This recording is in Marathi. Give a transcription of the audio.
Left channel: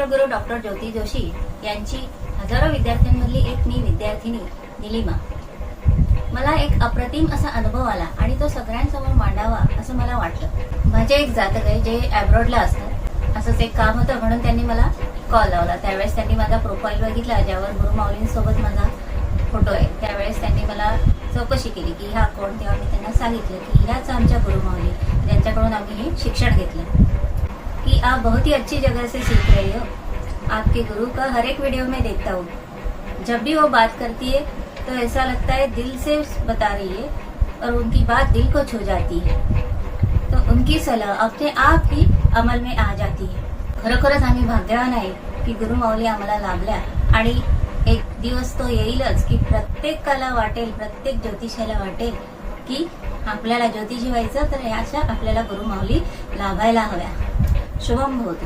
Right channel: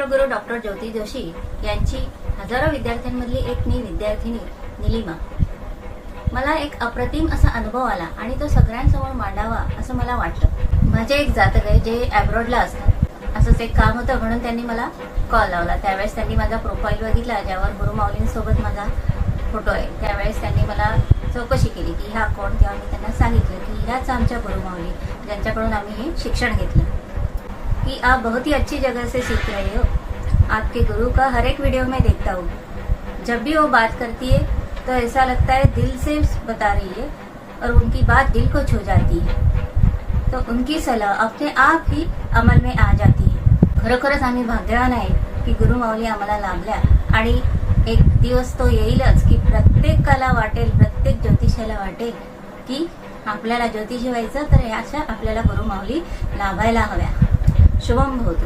राष्ट्रगुरू डॉक्टर ज्योती जोशी यांची हजारो विद्यार्थ्यांमधली एक मी विद्यार्थिनी निलिमा. मला एक अप्रतिम असा अनुभव आला आणि तो सगळ्यांसमोर मांडावा असं मला वाटलं. माझे एक जातक आहे जे अब्रॉडला असतात. असंच एक काम होतं म्हणून त्यांनी मला कॉल लावला. त्यावेळेस त्यांनी माझा प्रोफाईल बघितला ज्यावर गुरुमाऊलींसोबत माझा फोटो आहे. त्यावेळेस त्यांनी मला चौकशी केली की ह्या कोण, तेव्हा मी त्यांना सांगितलं की ह्याच आमच्या गुरुमाऊली, ज्यांच्याकडून आम्ही हे शिक्षण घेतलं. कि आप बहुत ही अच्छी जगह से सीख रहे हो. आपके गुरु का हर एक वीडियो में देखता हूँ. जब भी वो बात करती है तो ऐसा लगता है दिल से बता रही है और उनकी बात दिल को छू जाती है. तो उनकी सलाह अपने आप ही अमल में आ जाती है. खरोखरच आम्ही भाग्यवान आहे की गुरुमाऊली आम्हाला लाभल्या आणि एक दिवस तो येईलच की प्रत्येकाला वाटेल, प्रत्येक ज्योतिषाला वाटेल की आपल्याला ज्योतिषी व्हायचं तर अशा आपल्याला गुरुमाऊली लाभायला हव्या. शुभम होत.